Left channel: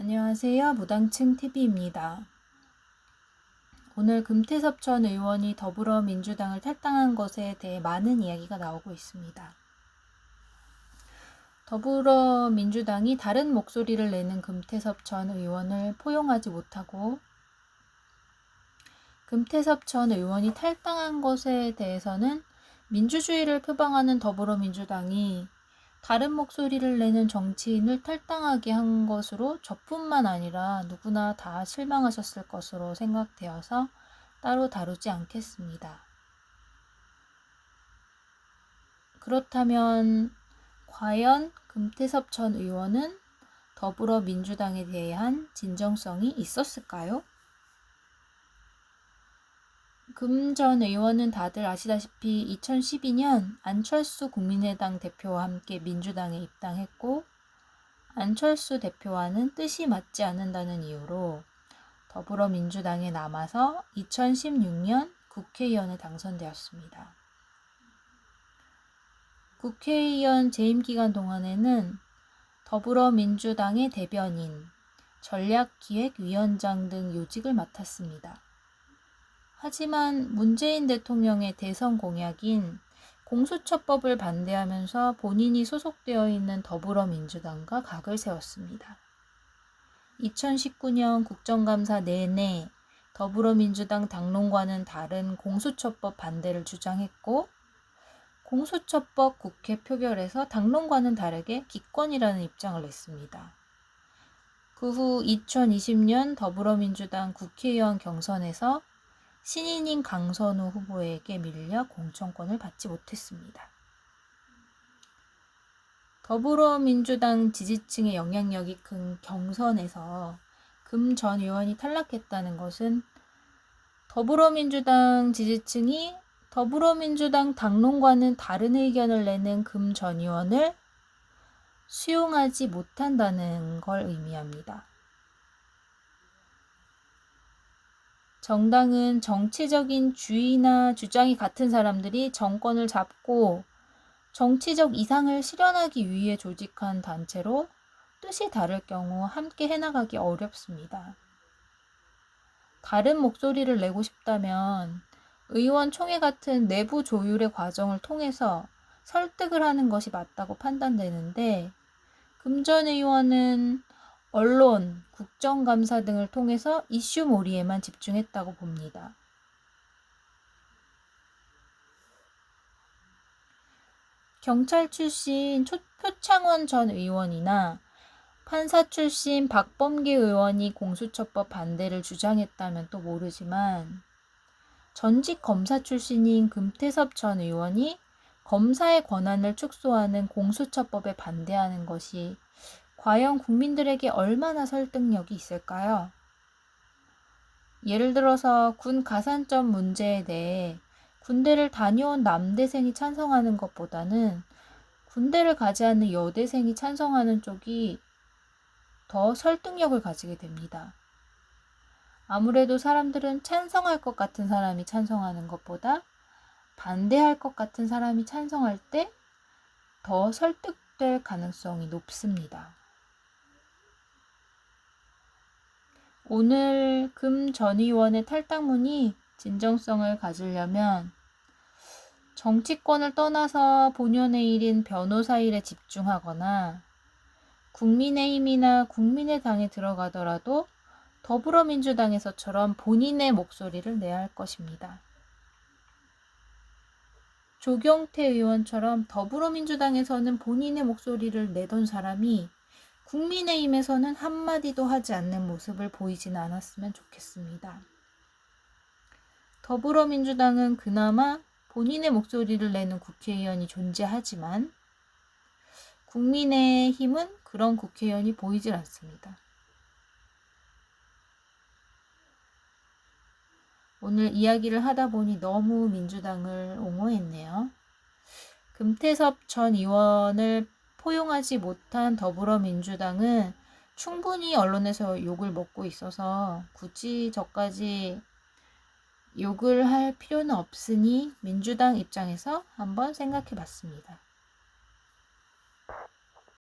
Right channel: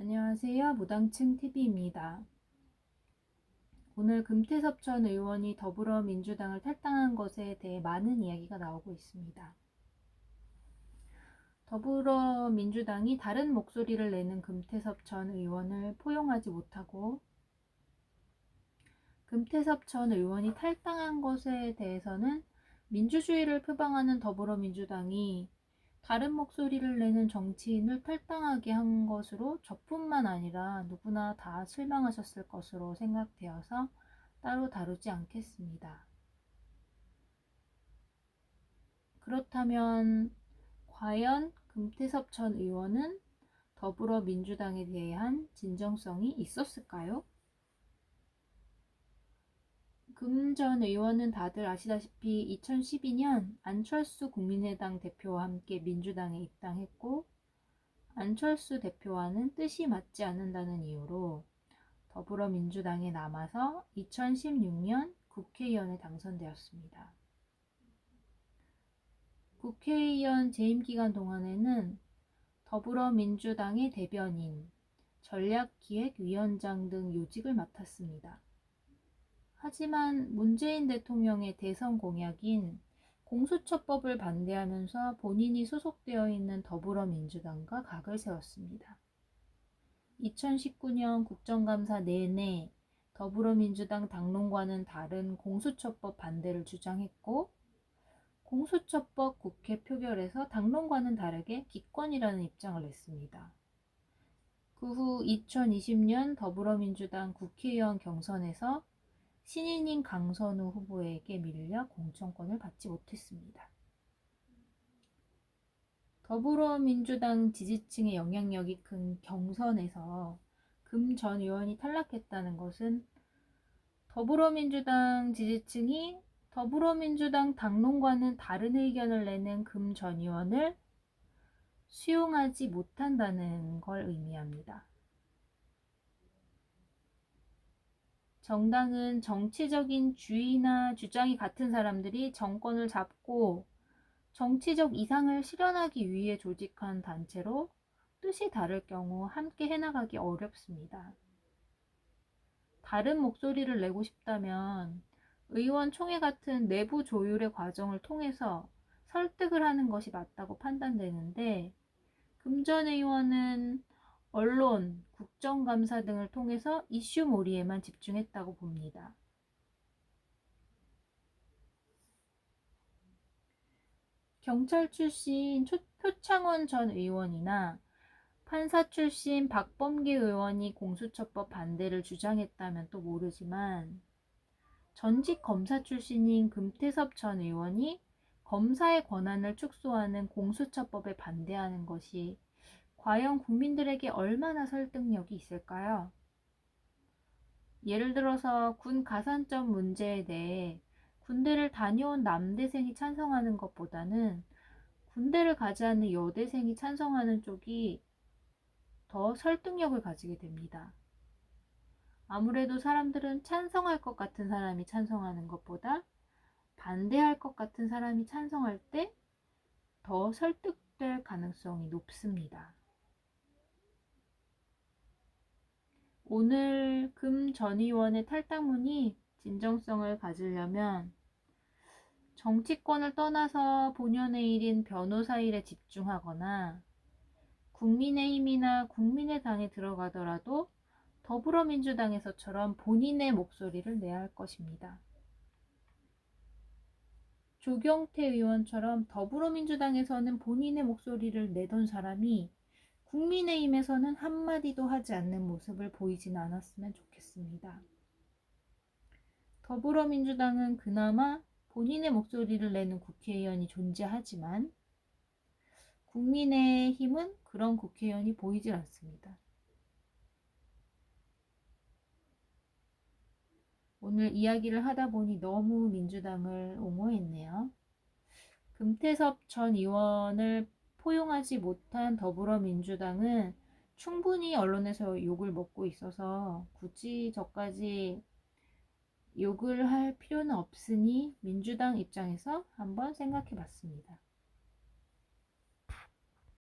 안녕하세요. 무당층 TV입니다. 오늘 금태섭 전 의원이 더불어민주당을 탈당한 것에 대해 많은 이야기가 나오고 있습니다. 더불어민주당이 다른 목소리를 내는 금태섭 전 의원을 포용하지 못하고 금태섭 전 의원이 탈당한 것에 대해서는 민주주의를 표방하는 더불어민주당이 다른 목소리를 내는 정치인을 탈당하게 한 것으로 저뿐만 아니라 누구나 다 실망하셨을 것으로 생각되어서 따로 다루지 않겠습니다. 그렇다면 과연 금태섭 전 의원은 더불어민주당에 대한 진정성이 있었을까요? 금 전 의원은 다들 아시다시피 2012년 안철수 국민의당 대표와 함께 민주당에 입당했고 안철수 대표와는 뜻이 맞지 않는다는 이유로 더불어민주당에 남아서 2016년 국회의원에 당선되었습니다. 국회의원 재임 기간 동안에는 더불어민주당의 대변인, 전략기획위원장 등 요직을 맡았습니다. 하지만 문재인 대통령의 대선 공약인 공수처법을 반대하면서 본인이 소속되어 있는 더불어민주당과 각을 세웠습니다. 2019년 국정감사 내내 더불어민주당 당론과는 다른 공수처법 반대를 주장했고 공수처법 국회 표결에서 당론과는 다르게 기권이라는 입장을 냈습니다. 그 후 2020년 더불어민주당 국회의원 경선에서 신인인 강선우 후보에게 밀려 공천권을 받지 못했습니다. 더불어민주당 지지층의 영향력이 큰 경선에서 금 전 의원이 탈락했다는 것은 더불어민주당 지지층이 더불어민주당 당론과는 다른 의견을 내는 금 전 의원을 수용하지 못한다는 걸 의미합니다. 정당은 정치적인 주의나 주장이 같은 사람들이 정권을 잡고 정치적 이상을 실현하기 위해 조직한 단체로 뜻이 다를 경우 함께 해나가기 어렵습니다. 다른 목소리를 내고 싶다면 의원총회 같은 내부 조율의 과정을 통해서 설득을 하는 것이 맞다고 판단되는데 금 전 의원은 언론, 국정감사 등을 통해서 이슈몰이에만 집중했다고 봅니다. 경찰 출신 표창원 전 의원이나 판사 출신 박범계 의원이 공수처법 반대를 주장했다면 또 모르지만 전직 검사 출신인 금태섭 전 의원이 검사의 권한을 축소하는 공수처법에 반대하는 것이 과연 국민들에게 얼마나 설득력이 있을까요? 예를 들어서 군 가산점 문제에 대해 군대를 다녀온 남대생이 찬성하는 것보다는 군대를 가지 않는 여대생이 찬성하는 쪽이 더 설득력을 가지게 됩니다. 아무래도 사람들은 찬성할 것 같은 사람이 찬성하는 것보다 반대할 것 같은 사람이 찬성할 때 더 설득될 가능성이 높습니다. 오늘 금 전 의원의 탈당문이 진정성을 가지려면 정치권을 떠나서 본연의 일인 변호사 일에 집중하거나 국민의힘이나 국민의당에 들어가더라도 더불어민주당에서처럼 본인의 목소리를 내야 할 것입니다. 조경태 의원처럼 더불어민주당에서는 본인의 목소리를 내던 사람이 국민의힘에서는 한마디도 하지 않는 모습을 보이지는 않았으면 좋겠습니다. 더불어민주당은 그나마 본인의 목소리를 내는 국회의원이 존재하지만 국민의힘은 그런 국회의원이 보이질 않습니다. 오늘 이야기를 하다 보니 너무 민주당을 옹호했네요. 금태섭 전 의원을 포용하지 못한 더불어민주당은 충분히 언론에서 욕을 먹고 있어서 굳이 저까지 욕을 할 필요는 없으니 민주당 입장에서 한번 생각해 봤습니다.